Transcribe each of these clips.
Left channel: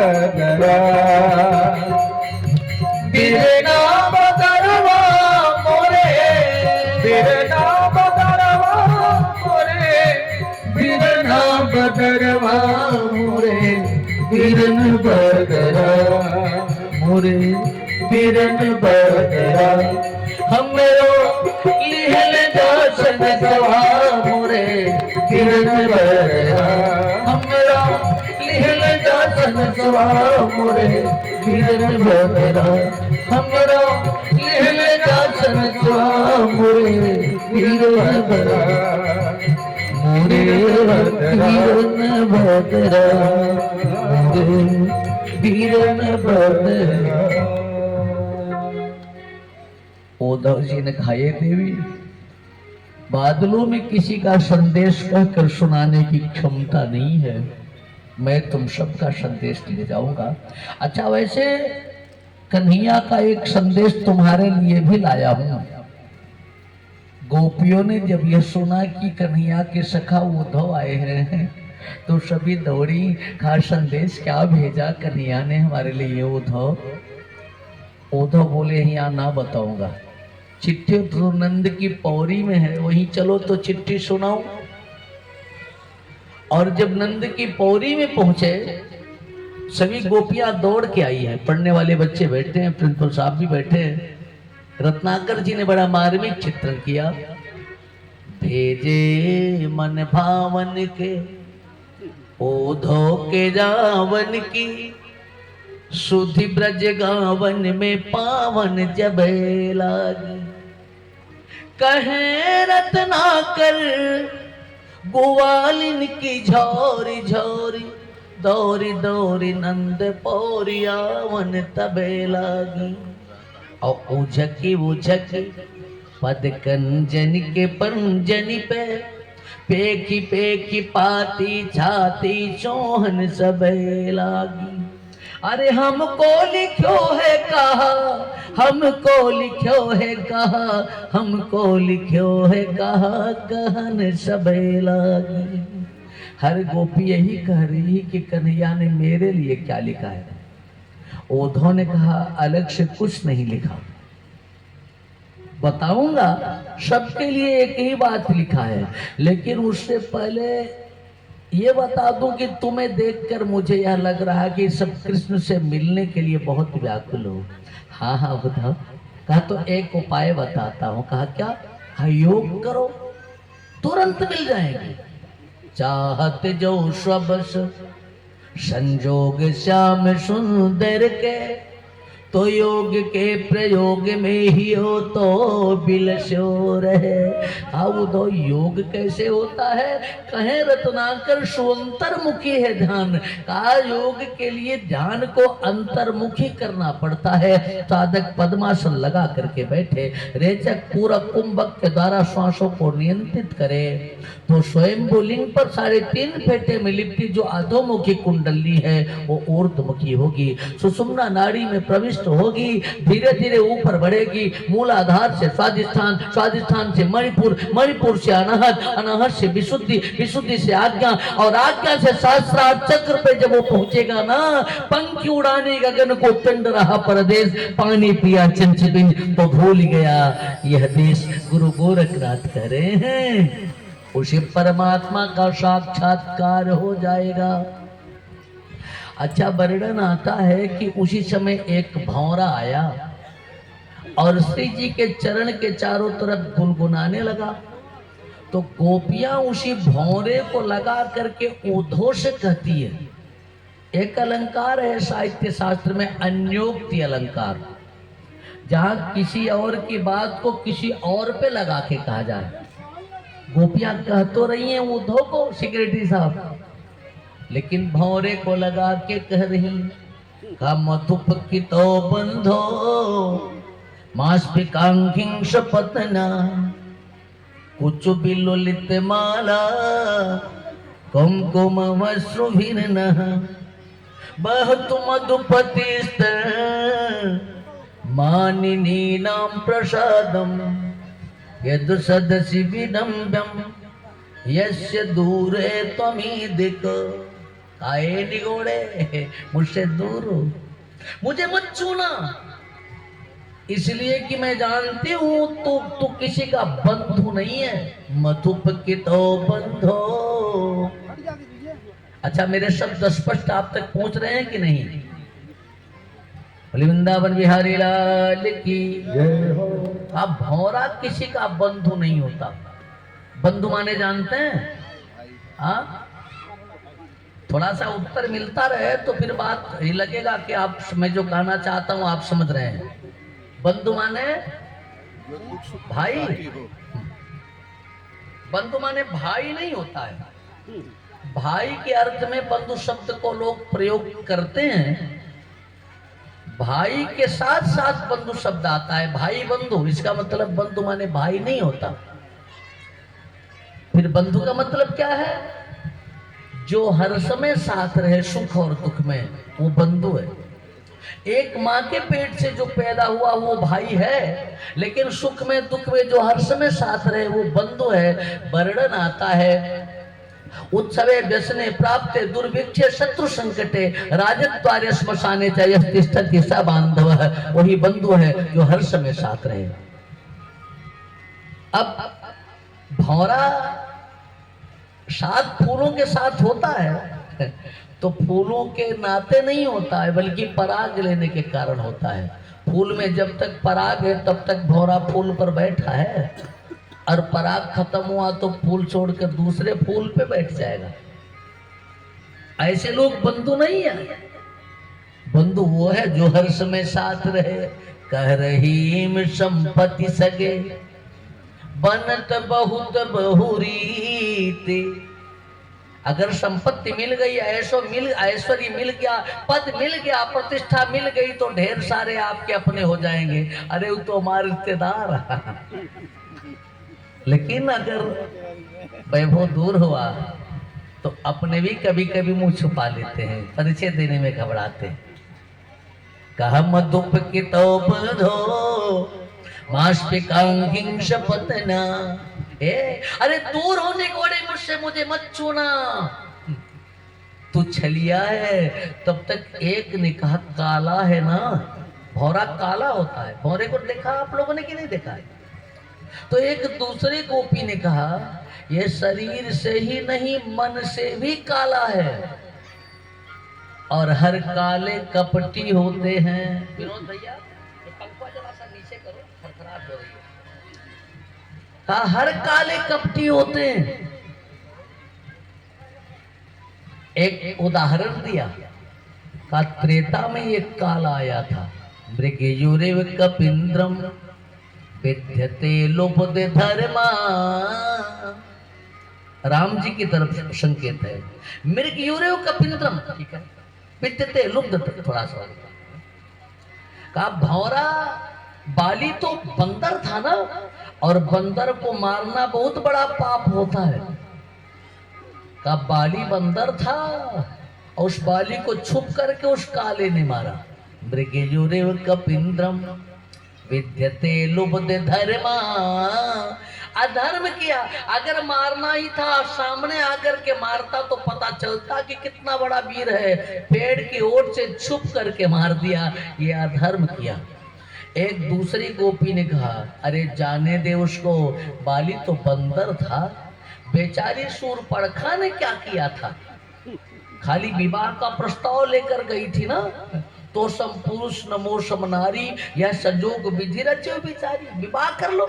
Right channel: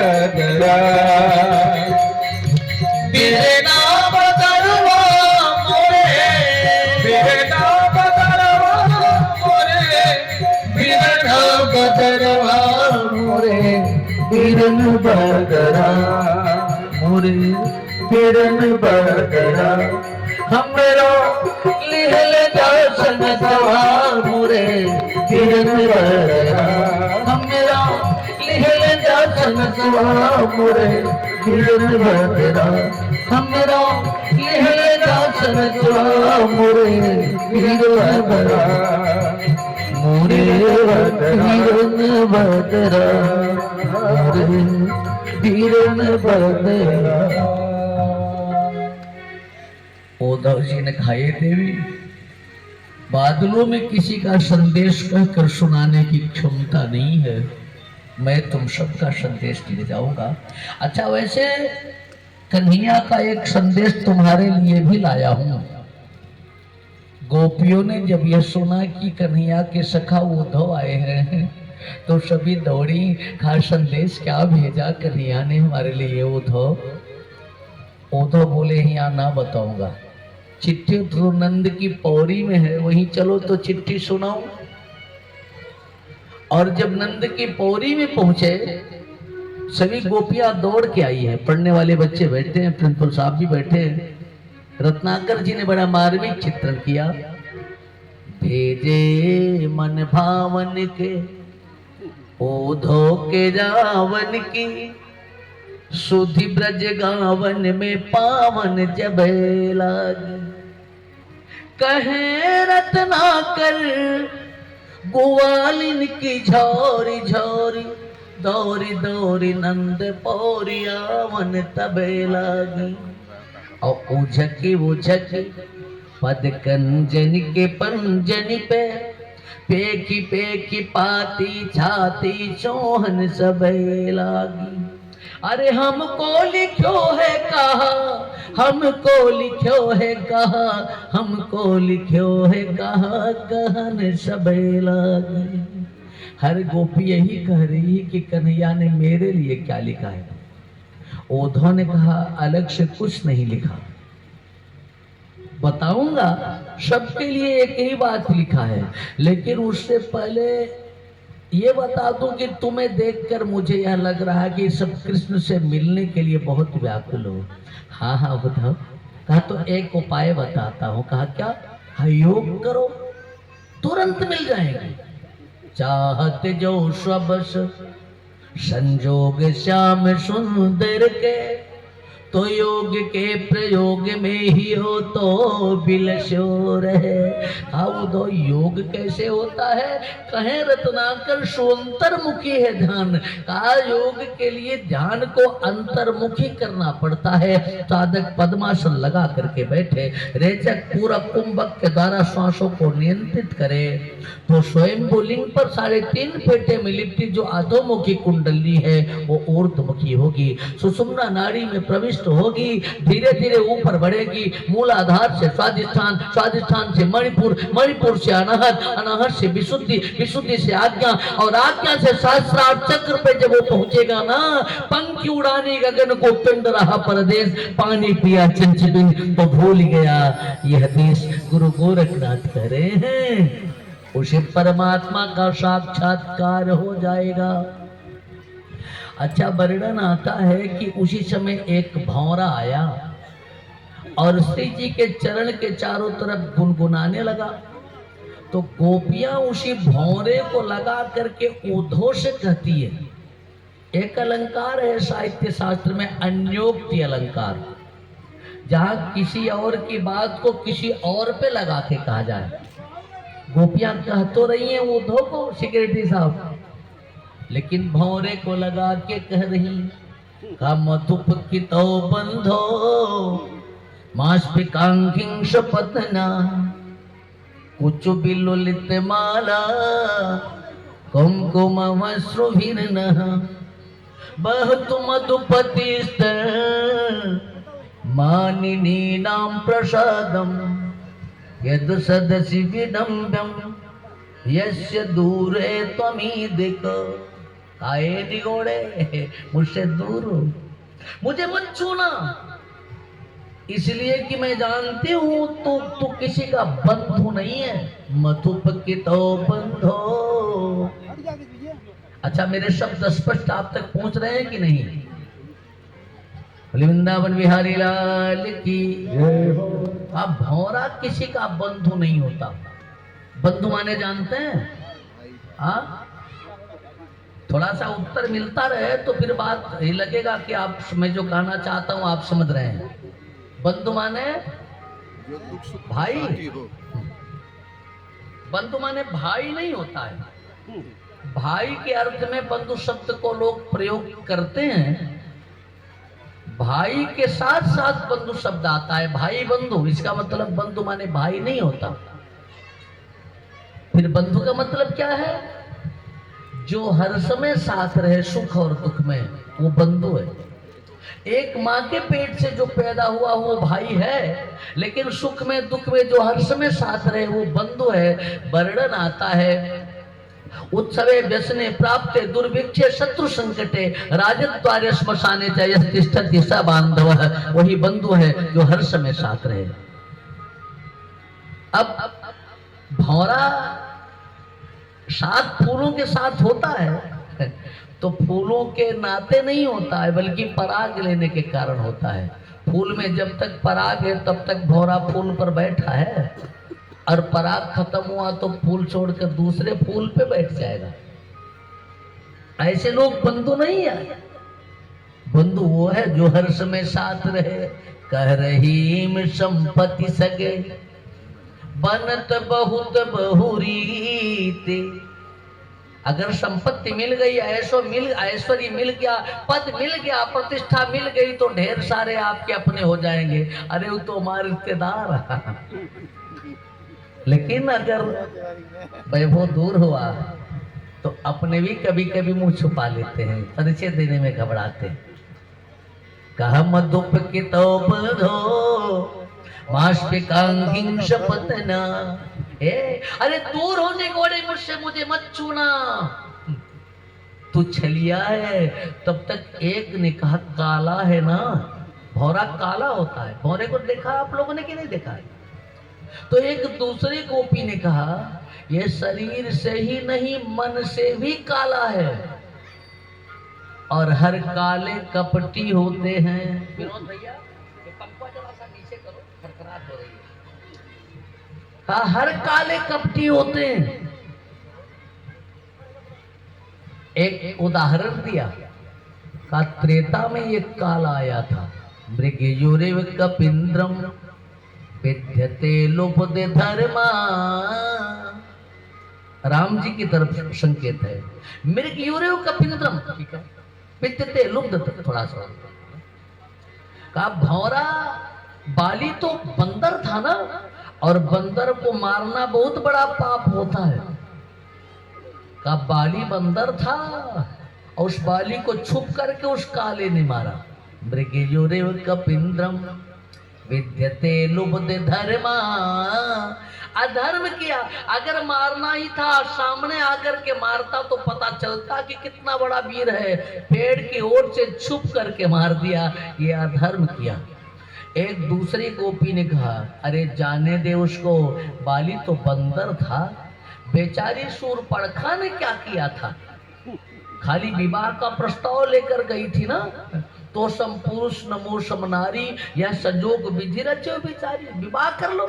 बदरा बिरना बदरवा मोरे बिरना बदरवा मोरे बिरना बदरवा मोरे बिरन बदरा मोरे बिरन बदरा हमरो लिहल दर्शन सभा मोरे बिरन बदरा हमरो लिहल दर्शन सभा मोरे बिरन बदरा हमरो लिहल दर्शन सभा मोरे बिरन बदरा मोरे बिरन बदरा मोरे बिरन बदरा। उद्धव जी ने कहा, देवी बादलों में किसी का संदेश कहकर सुनाने की क्षमता नहीं है, मैं तुम सबका संदेश ले जाऊंगा। अच्छा, वैसे कन्हैया का एक संदेश तुम्हारे लिए भी लाया हूं। गोपियों ने जब यह सुना कि कन्हैया के सखा उद्धव आए हैं तो सभी दौड़ी, कहा संदेश क्या भेजा कन्हैया ने हमारे लिए उद्धव। उद्धव बोले, यहाँ ना बताऊंगा, चिट्ठी तो नंद की पौड़ी में है, वहीं चलो तो चिट्ठी सुनाओ। और जब नंद की पौड़ी में पहुंचे, सभी गोपियां दौड़ के आई हैं, पढ़ने वाले बच्चे बैठे हैं, प्रिंसिपल साहब भी बैठे हैं। रत्नाकर जी ने बड़ा मार्मिक चित्रण किया। भेजे मन भावन के उद्धव के जावन की, सुधि ब्रज गावन में पावन जब लागी। कहे रत्नाकर ग्वालिन की झोरी झोरी, दौरी दौरी नंद पौरी आवन तबे लागी। और उझकी उझकी पद कंजन के पंजन पे, पेकी पेकी पाती छाती चोहन सबे लागी। अरे हमको लिखो है कहा, हमको लिखो है कहा, हमको लिखो है कहा, कहन सबे लागी। हर गोपी यही कह रही कि कन्हैया ने मेरे लिए क्या लिखा है। उद्धव ने कहा, अलग से कुछ नहीं लिखा, बताऊंगा सबके लिए एक ही बात लिखा है, लेकिन उससे पहले ये बता दूं कि तुम्हें देखकर मुझे यह लग रहा है कि सब कृष्ण से मिलने के लिए बहुत व्याकुल हो। हाँ हाँ बताओ। कहा तो एक उपाय बताता हूँ। कहा क्या? हाँ, योग करो तुरंत मिल जाएगी। चाहत जो सबस संजोग श्याम सुंदर के, तो योग के प्रयोग में ही हो तो बिलसो रहे। अब तो योग कैसे होता है? कहे रत्नाकर सुअंतर्मुखी है ध्यान। कहा योग के लिए ध्यान को अंतर्मुखी करना पड़ता है। साधक पद्मासन लगा करके बैठे, रेचक पूरा कुंभक के द्वारा श्वासों को नियंत्रित करे तो स्वयं लिंग पर 3.5 फेटे में लिपटी जो अधोमुखी कुंडली है वो ऊर्ध्वमुखी होगी, सुषुम्ना नाड़ी में प्रविष्ट होगी, धीरे धीरे ऊपर बढ़ेगी। मूलाधार से स्वादिष्ठान, स्वादिष्ठान से मणिपुर, मणिपुर से अनाहत, अनाहत से विशुद्धि, विशुद्धि से आज्ञा, और आज्ञा से सहस्रार चक्र पे जब वो पहुंचेगा ना, पंखी उड़ाने गगन को पिंड रहा परदेश, पानी पिया चंचबिन तो भूल गया यह देश। गुरु गोरखनाथ कह रहे हैं उसे परमात्मा का साक्षात्कार हो जाएगा। अच्छा, वर्णन आता है कि उसी समय एक भौरा आया और श्री जी के चरण के चारों तरफ गुनगुनाने लगा। तो गोपियां उसी भौरे को लगा करके उद्धव से कहती है, एक अलंकार है साहित्य शास्त्र में अन्योक्ति अलंकार, जहां किसी और की बात को किसी और पे लगा के कहा जाए। गोपियां कह तो रही हैं उद्धव को, सेक्रेटरी साहब, लेकिन भौरे को लगा के कह रही, का मधुप की तो बंधो मास्पिकांकिंश पतना, कुछ बिलुलित माला कुमकुम वस्रुभिन्न, बहुत मधुपति मानिनी नाम प्रसादम, यद सदसि विडम्बम यस्य दूरे त्वमीदिक, आए निगोड़े मुझसे दूर हो, मुझे मत छूना, इसलिए कि मैं जानती हूं तू किसी का बंधु नहीं है। मधुप की तो बंधो। अच्छा, मेरे शब्द स्पष्ट आप तक पहुंच रहे हैं कि नहीं? वृंदावन बिहारी लाल की जय हो। अब भौरा किसी का बंधु नहीं होता। बंधु माने जानते हैं? हाँ, थोड़ा सा उत्तर मिलता रहे तो फिर बात ये लगेगा कि आप, मैं जो कहना चाहता हूं आप समझ रहे हैं। बंधु माने भाई, बंधु माने भाई नहीं होता है। भाई के अर्थ में बंधु शब्द को लोग प्रयोग करते हैं। भाई के साथ साथ बंधु शब्द आता है, भाई बंधु, इसका मतलब बंधु माने भाई नहीं होता। फिर बंधु का मतलब क्या है? जो हर समय साथ रहे सुख और दुख में, वो बंधु है। एक माँ के पेट से जो पैदा हुआ वो भाई है, लेकिन सुख में दुख में जो हर समय साथ रहे वो बंधु है। वर्णन आता है, उत्सवे व्यसने प्राप्ते दुर्भिक्षे शत्रु संकटे राजद्वारे श्मशाने च यः तिष्ठति स बांधवः, वही बंधु है जो हर समय साथ रहे। अब भौरा सात फूलों के साथ होता है तो फूलों के नाते नहीं होता है, बल्कि पराग लेने के कारण होता है। फूल में जब तक पराग है तब तक भौरा फूल पर बैठा है, और पराग खत्म हुआ तो फूल छोड़कर दूसरे फूल पे बैठ जाएगा। ऐसे लोग बंधु नहीं है। बंधु वो है जो हर समय साथ रहे। कह रही संपत्ति सगे बनत बहुत बहुरीते। अगर संपत्ति मिल गई, ऐश्वर्य मिल गया, पद मिल गया, प्रतिष्ठा मिल गई तो ढेर सारे आपके अपने हो जाएंगे। अरे वो तो हमारे रिश्तेदार। लेकिन अगर वैभव दूर हुआ तो अपने भी कभी कभी मुंह छुपा लेते हैं, परिचय देने में घबराते हैं। कहा मधुप की तो बधो शपथना। अरे दूर होने गोड़े मुझसे, मुझे मत छूना, तू छलिया है। तब तक एक ने कहा काला है ना, भौरा काला होता है। भौरे को देखा आप लोगों ने कि नहीं देखा है? तो एक दूसरे गोपी ने कहा ये शरीर से ही नहीं मन से भी काला है, और हर काले कपटी होते हैं। विनोद भैया ये पंखा जरा सा नीचे करो, खरखराहट हो रही है। हाँ, हर काले कपटी होते हैं। एक उदाहरण दिया, का त्रेता में एक काल आया था। मृगयुरेव कपिंद्रम विद्यते लुब्ध धर्मा। राम जी की तरफ संकेत है। मृगयुरेव कपिंद्रम, ठीक है, विद्यते लुब्ध, थोड़ा सा का भौरा बाली तो बंदर था ना, और बंदर को मारना बहुत बड़ा पाप होता है। का बाली बंदर था और उस बाली को छुप करके उस काले ने मारा। मृगयुरेव कपिंद्रम विद्यते लुब्ध धर्मा। अधर्म किया। अगर मारना ही था सामने आकर के मारता तो पता चलता कि कितना बड़ा वीर है। पेड़ की ओर से छुप करके मार दिया, ये अधर्म किया। एक दूसरी गोपी ने कहा अरे जाने दे उसको, बाली तो बंदर था। बेचारी शूरपणखा ने क्या किया था, खाली विवाह का प्रस्ताव लेकर गई थी ना। तो सम पुरुष नमो सम नारी, यह संजोग विधि रचो बिचारी, विवाह कर लो।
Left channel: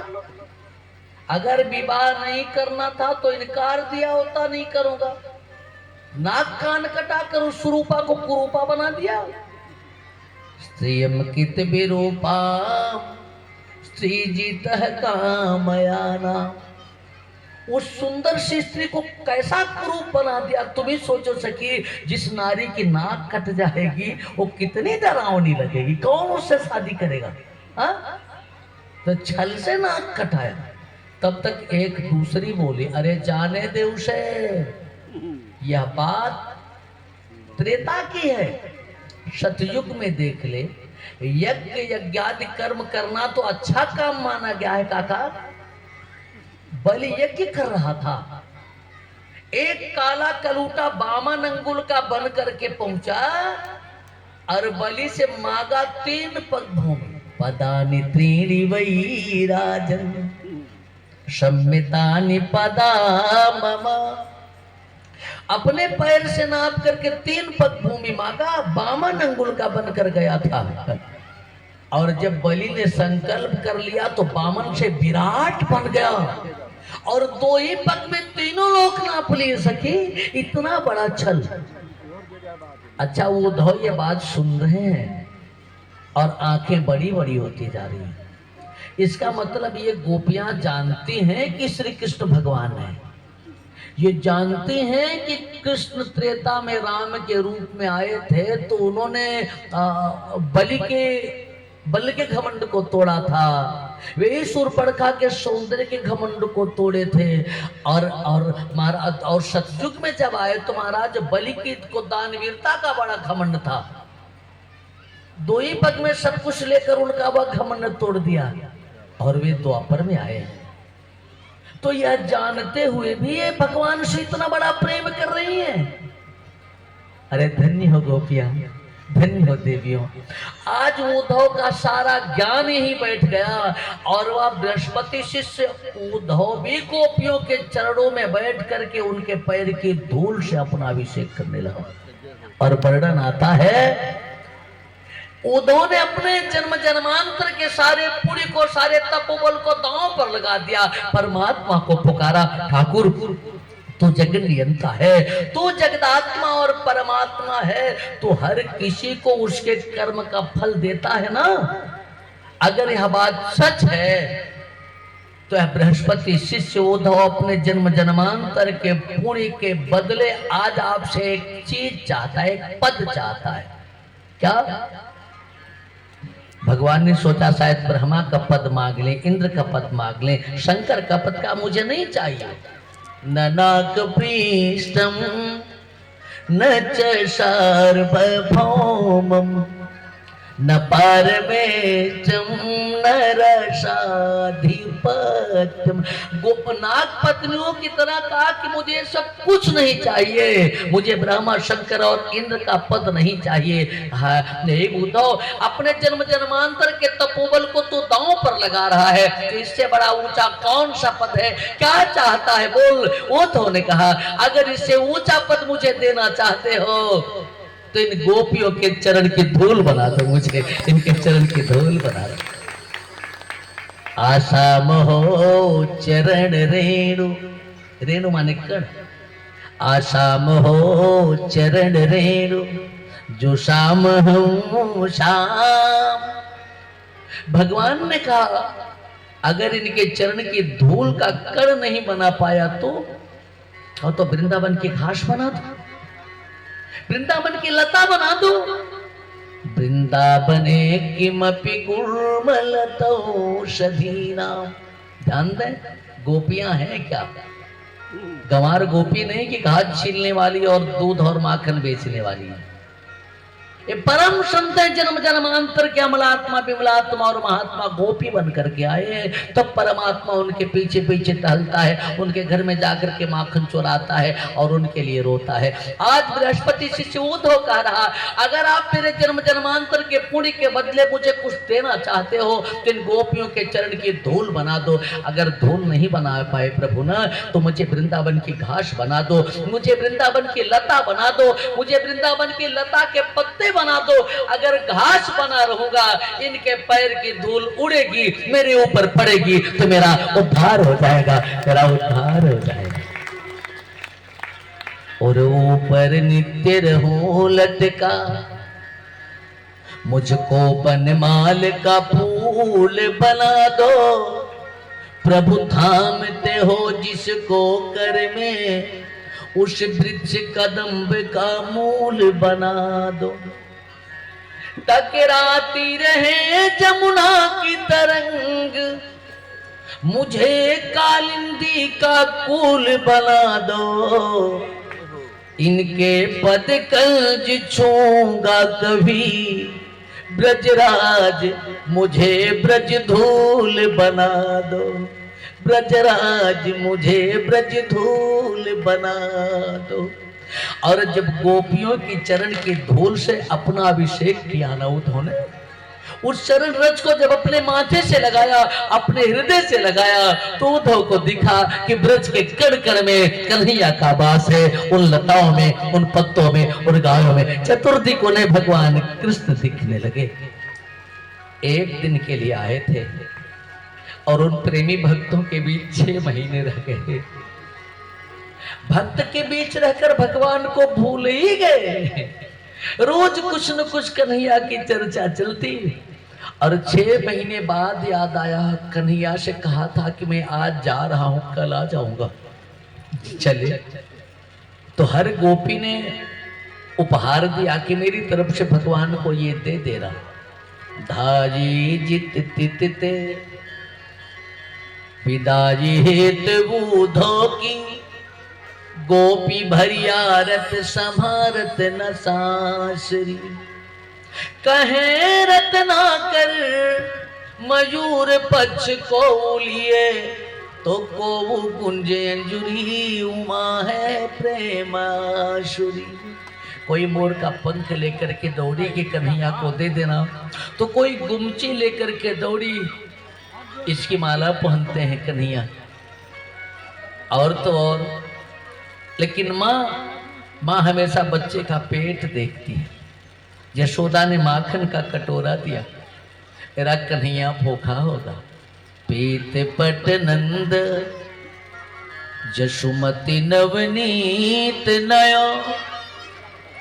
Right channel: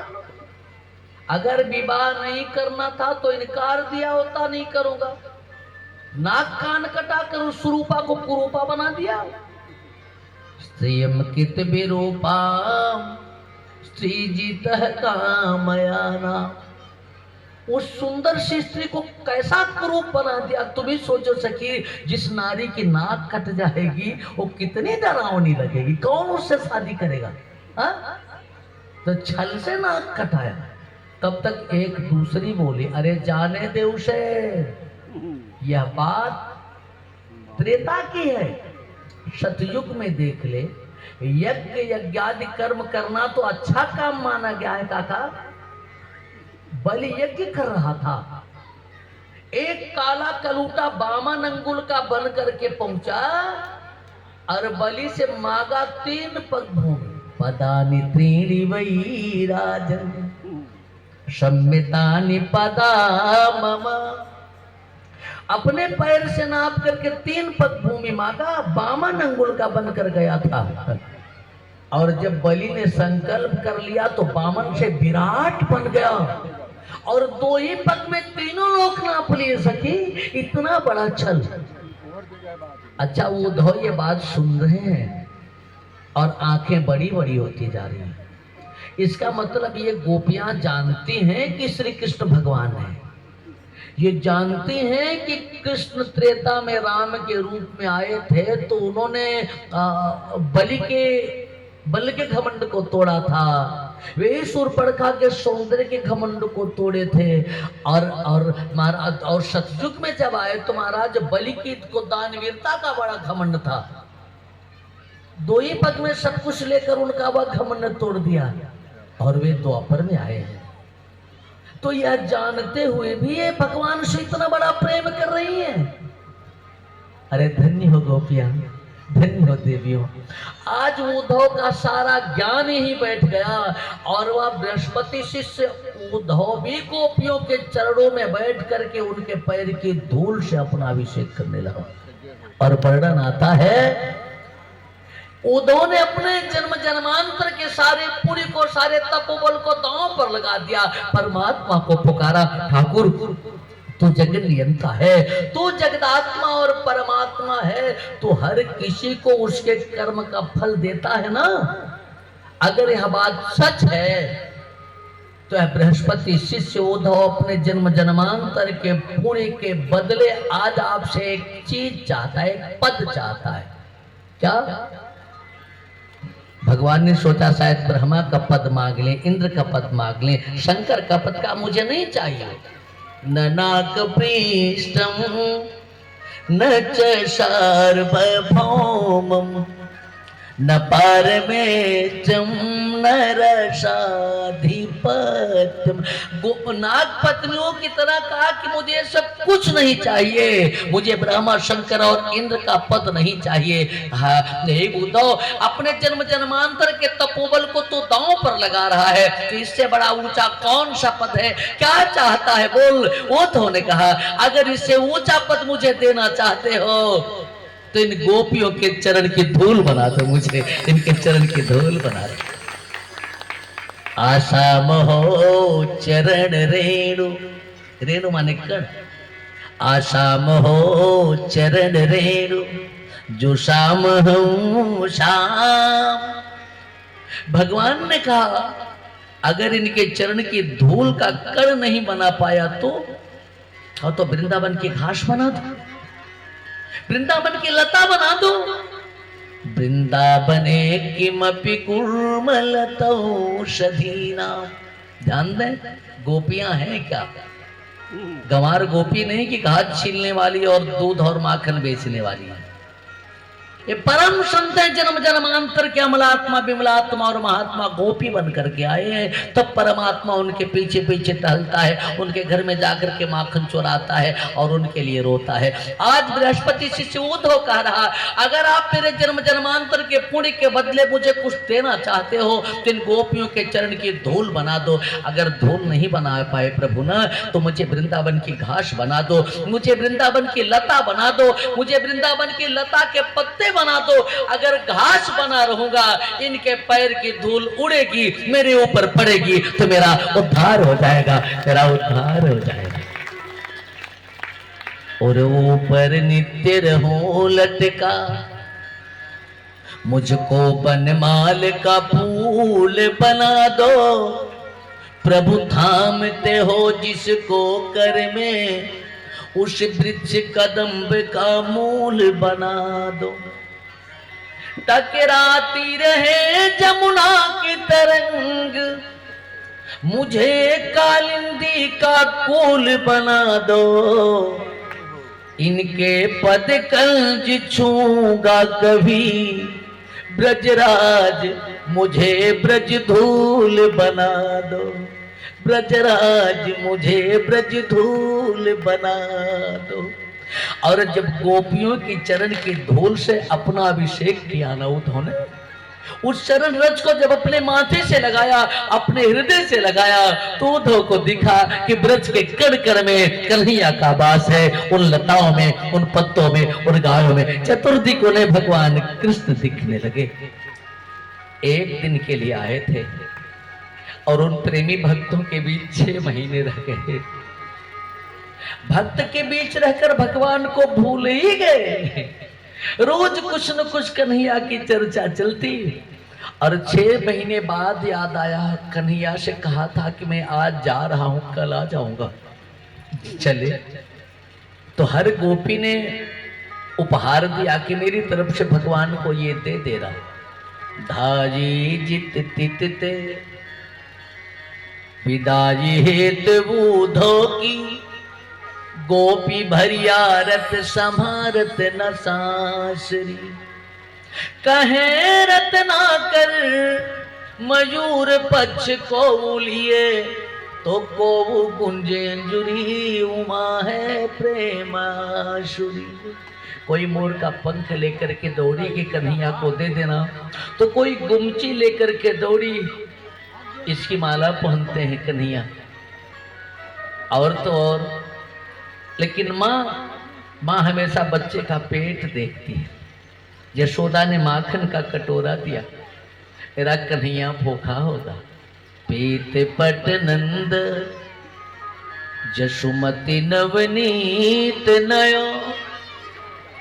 अगर विवाह नहीं करना था तो इनकार दिया होता, नहीं करूंगा। नाक कान कटा कर उस सुरूपा को कुरूपा बना दिया। स्त्रियम कित विरूपा स्त्री जीत कामयाना। उस सुंदर सी स्त्री को कैसा कुरूप बना दिया। तुम ही सोचो सखी, जिस नारी की नाक कट जाएगी वो कितनी डरावनी लगेगी, कौन उससे शादी करेगा। हा? तो छल से नाक कटाया। तब तक एक दूसरी बोली अरे जाने दे उसे, यह बात त्रेता की है। सतयुग में देख ले, यज्ञ यज्ञादि कर्म करना तो अच्छा काम माना गया है काका। बलि यज्ञ कर रहा था, एक काला कलूटा बामन अंगुल का बन करके पहुंचा और बलि से मांगा 3 पग भूमि। पदानि त्रीणि वै राजन सम्मितानि पदा मम। अपने पैर से नाप करके 3 पग भूमि मांगा, बामन अंगुल का बनकर गया था। और जब बलि ने संकल्प कर लिया तो बामन से विराट बन गया और 2 ही पग में तीनों लोक नाप लिए सखी। इतना बड़ा छल। अच्छा, उद्धव ये बात सुन रहे हैं और आंखें बड़ी बड़ी होती जा रही हैं। इसका मतलब ये गोपियां जानती हैं कि श्री कृष्ण भगवान है। ये जानती हैं कि कृष्ण त्रेता में राम के रूप में आए थे तो उन्होंने बलि के घमंड को तोड़ा था। वे शूर्पणखा के सौंदर्य के घमंड को तोड़े थे। और महाराज और सतयुग में जब आए तो महाराज बलि की को दानवीरता का बड़ा घमंड था। 2 ही पग में सब कुछ लेकर उनका वह घमंड तोड़ दिया और वे द्वापर में आए। तो यह जानते हुए भी ये भगवान से इतना बड़ा प्रेम कर रही है। अरे धन्य हो गोपियां, धन्य हो देवियों। आज उद्धव का सारा ज्ञान ही बैठ गया और वह बृहस्पति शिष्य उद्धव भी गोपियों के चरणों में बैठ करके उनके पैर की धूल से अपना अभिषेक करने लगा। और वर्णन आता है उद्धव ने अपने जन्म जन्मांतर के सारे पुरी को, सारे तपोबल को दांव पर लगा दिया। परमात्मा को पुकारा, ठाकुर तू जगन नियंता है, तू जगदात्मा और परमात्मा है, तू हर किसी को उसके कर्म का फल देता है ना। अगर यह बात सच है तो यह बृहस्पति शिष्य उद्धव अपने जन्म जन्मांतर के पुण्य के बदले आज आपसे एक चीज चाहता है, एक पद चाहता है। क्या? भगवान ने सोचा शायद ब्रह्मा का पद मांग ले, इंद्र का पद मांग ले, शंकर का पद का मुझे नहीं चाहिए। न नाग पृष्ठम न च सार्वभौमम न पारमेष्ठम न रसाधिपत्यम। नाग पत्नियों की तरह कहा कि मुझे सब कुछ नहीं चाहिए, मुझे ब्रह्मा शंकर और इंद्र का पद नहीं चाहिए। उद्धव अपने जन्म जन्मांतर के तपोबल को तो दांव पर लगा रहा है, तो इससे बड़ा ऊंचा कौन सा पद है? क्या चाहता है बोल? उद्धव ने कहा अगर इससे ऊंचा पद मुझे देना चाहते हो तो इन गोपियों के चरण की धूल बना दो, मुझे इनके चरण की धूल बना दो। आसाम हो चरण रेणु, रेणु माने कण, आसाम हो चरण रेणु जो शाम हो शाम। भगवान ने कहा अगर इनके चरण की धूल का कण नहीं बना पाया तो वृंदावन की घास बना दो, वृंदावन की लता बना दो। वृंदावने किमपि गुल्मलतौषधीना। ध्यान दें, गोपियां हैं क्या? गंवार गोपी नहीं कि घास छीलने वाली और दूध और माखन बेचने वाली है। ये परम संत है, जन्म जन्मांतर के अमलात्मा विमलात्मा और महात्मा गोपी बन करके आए हैं। तब परमात्मा उनके पीछे पीछे टहलता है, उनके घर में जाकर के माखन चुराता है और उनके लिए रोता है। आज बृहस्पति शिष्य उद्धव कह रहा अगर आप मेरे जन्म जन्मांतर के पुण्य के बदले मुझे कुछ देना चाहते हो तो इन गोपियों के चरण की धूल बना दो। अगर धूल नहीं बना पाए प्रभु ना तो मुझे वृंदावन की घास बना दो, मुझे वृंदावन की लता बना दो, मुझे वृंदावन की लता के पत्ते बना दो। अगर घास बना रहूंगा इनके पैर की धूल उड़ेगी, मेरे ऊपर पड़ेगी तो मेरा उद्धार हो जाएगा, मेरा उद्धार हो जाएगा। और ऊपर नित्य रहूं लटका, मुझको बनमाल का फूल बना दो। प्रभु थामते हो जिसको कर में, उस वृक्ष कदम्ब का मूल बना दो। टकराती रहे जमुना की तरंग, मुझे कालिंदी का कुल बना दो। इनके पद कल्ज छूंगा कभी, ब्रजराज मुझे ब्रज धूल बना दो। ब्रजराज मुझे ब्रज धूल बना दो। और जब गोपियों की चरण की धूल से अपना अभिषेक किया ना उद्धव ने, उस चरण रज को जब अपने माथे से लगाया, अपने हृदय से लगाया, तो उद्धव को दिखा कि ब्रज के कण कण में कन्हैया का वास है, उन लताओं में, उन पत्तों में, उन गायों में। चतुर्दिक उन्हें भगवान कृष्ण दिखने लगे। एक दिन के लिए आए थे और उन प्रेमी भक्तों के बीच 6 महीने रह गए। भक्त के बीच रहकर भगवान को भूल ही गए। रोज कुछ न कुछ कन्हैया की चर्चा चलती। और 6 महीने बाद याद आया, कन्हैया से कहा था कि मैं आज जा रहा हूं, कल आ जाऊंगा, चले। तो हर गोपी ने उपहार दिया कि मेरी तरफ से भगवान को ये दे रहा। धाजी जित तिते विदाजी हेत बूधो की, गोपी भरियारत संभारत न सांसरी। कहे रत्नाकर मयूर पक्ष को लिए, तो को गुंजे अंजुरी, उमा है प्रेमाशुरी। कोई मोर का पंख लेकर के दौड़ी कि कन्हैया को दे देना, तो कोई गुमची लेकर के दौड़ी, इसकी माला पहनते हैं कन्हैया। और तो और, लेकिन माँ हमेशा बच्चे का पेट देखती है। यशोदा ने माखन का कटोरा दिया, मेरा कन्हैया भूखा होगा। पीत पट नंद जसुमति नवनीत नया,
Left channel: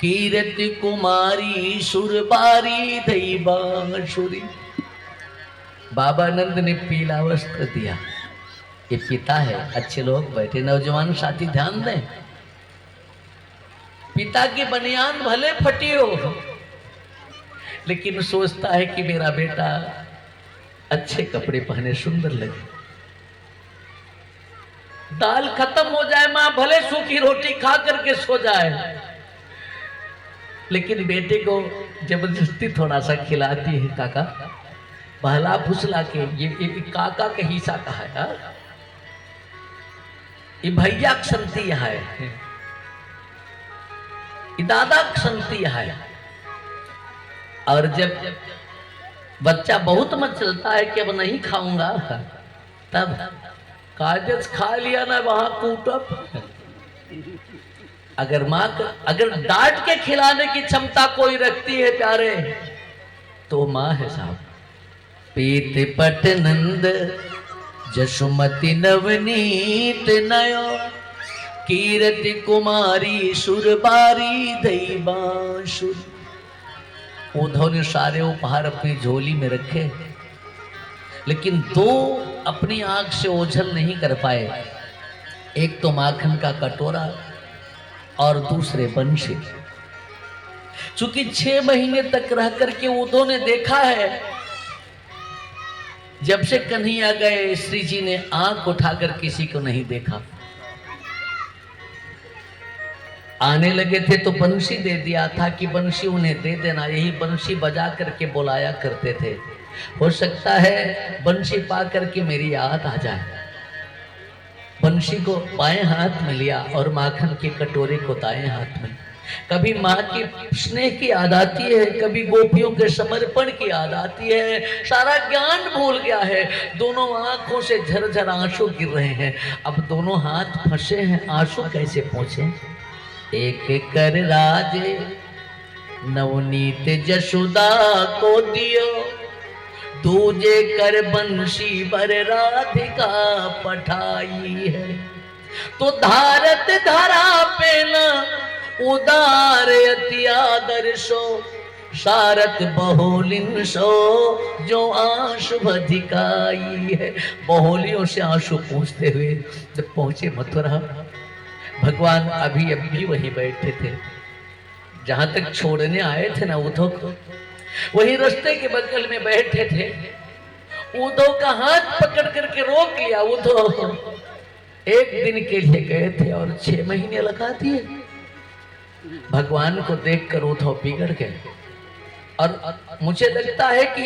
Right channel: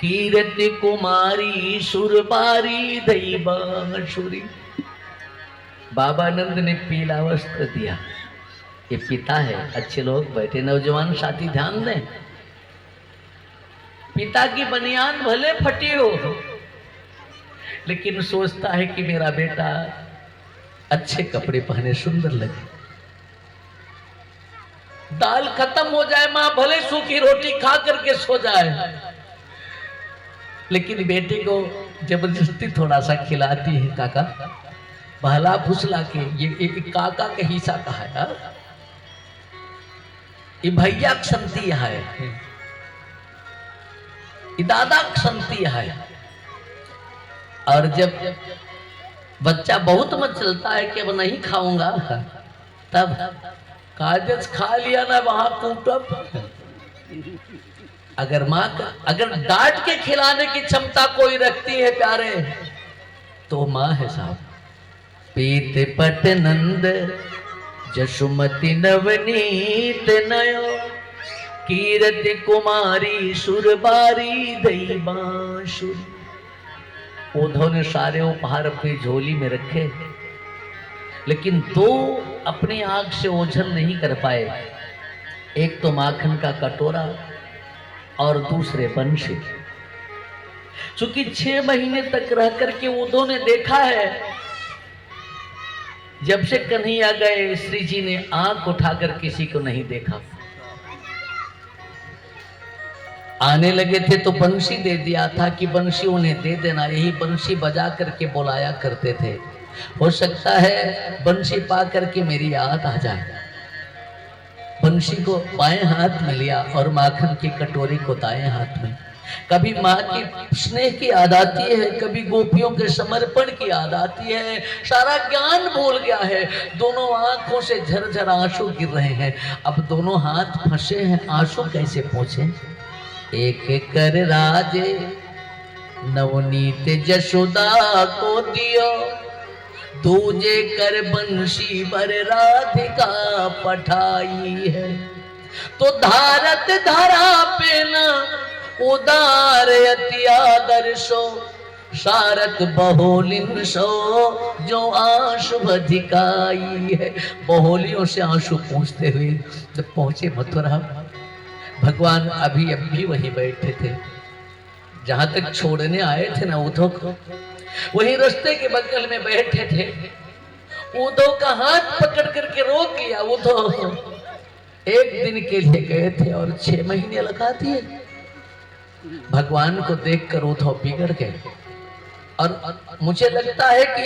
कीरति कुमारी सुरबारी दैवांशुरी। बाबा नंद ने पीला वस्त्र दिया। ये पिता है। अच्छे लोग बैठे, नौजवान साथी ध्यान दें। पिता की बनियान भले फटी हो, लेकिन सोचता है कि मेरा बेटा अच्छे कपड़े पहने, सुंदर लगे। दाल खत्म हो जाए, मां भले सूखी रोटी खा करके सो जाए, लेकिन बेटे को जबरदस्ती थोड़ा सा खिलाती है। काका बहला फुसला के, ये काका का हिस्सा कहा है, ये भैया क्षंती है, ये दादा क्षंती है। और जब बच्चा बहुत मत चलता है कि अब नहीं खाऊंगा, तब कागज खा लिया ना, वहां कूटब। अगर डांट के खिलाने की क्षमता कोई रखती है प्यारे, तो माँ है साहब। पीत पट नंद जसुमति नवनीत नयो, कीरति कुमारी सुरबारी दैवांशुरी। उद्धव ने सारे उपहार अपनी झोली में रखे, लेकिन 2 अपनी आंख से ओझल नहीं कर पाए। एक तो माखन का कटोरा और दूसरे बंशी। चूंकि 6 महीने तक रह करके उद्धव ने देखा है, जब से कन्हैया गए श्री जी ने आंख उठाकर किसी को नहीं देखा। आने लगे थे तो बंशी दे दिया था कि बंशी उन्हें दे देना, यही बंशी बजा करके बुलाया करते थे। हो सकता है बंशी पा करके मेरी याद आ जाए। बंशी को बाएं हाथ में लिया और माखन के कटोरे को दाएं हाथ में। कभी माँ की स्नेह की याद आती है, कभी गोपियों के समर्पण की याद आती है। सारा ज्ञान भूल गया है, दोनों आंखों से झरझर आंसू गिर रहे हैं। अब दोनों हाथ फंसे हैं, आंसू कैसे पहुंचे। एक कर राजे नवनीत जसोदा को दियो, दूजे कर बंशी बर राधिका पठाई है। तो धारत धरा पे न उदार अति आदर्शो, सारत बहुलिन सो जो आंसू अधिकाई है। बहुलियों से आंसू पहुंचते हुए जब पहुंचे मथुरा, भगवान अभी अभी वहीं बैठे थे जहां तक छोड़ने आए थे ना उद्धव को, वही रास्ते के बगल में बैठे थे। उद्धव का हाथ पकड़ करके रोक लिया। उद्धव 1 दिन के लिए गए थे और 6 महीने लगा दिए। भगवान को देखकर उद्धव बिगड़ गए। और मुझे लगता है कि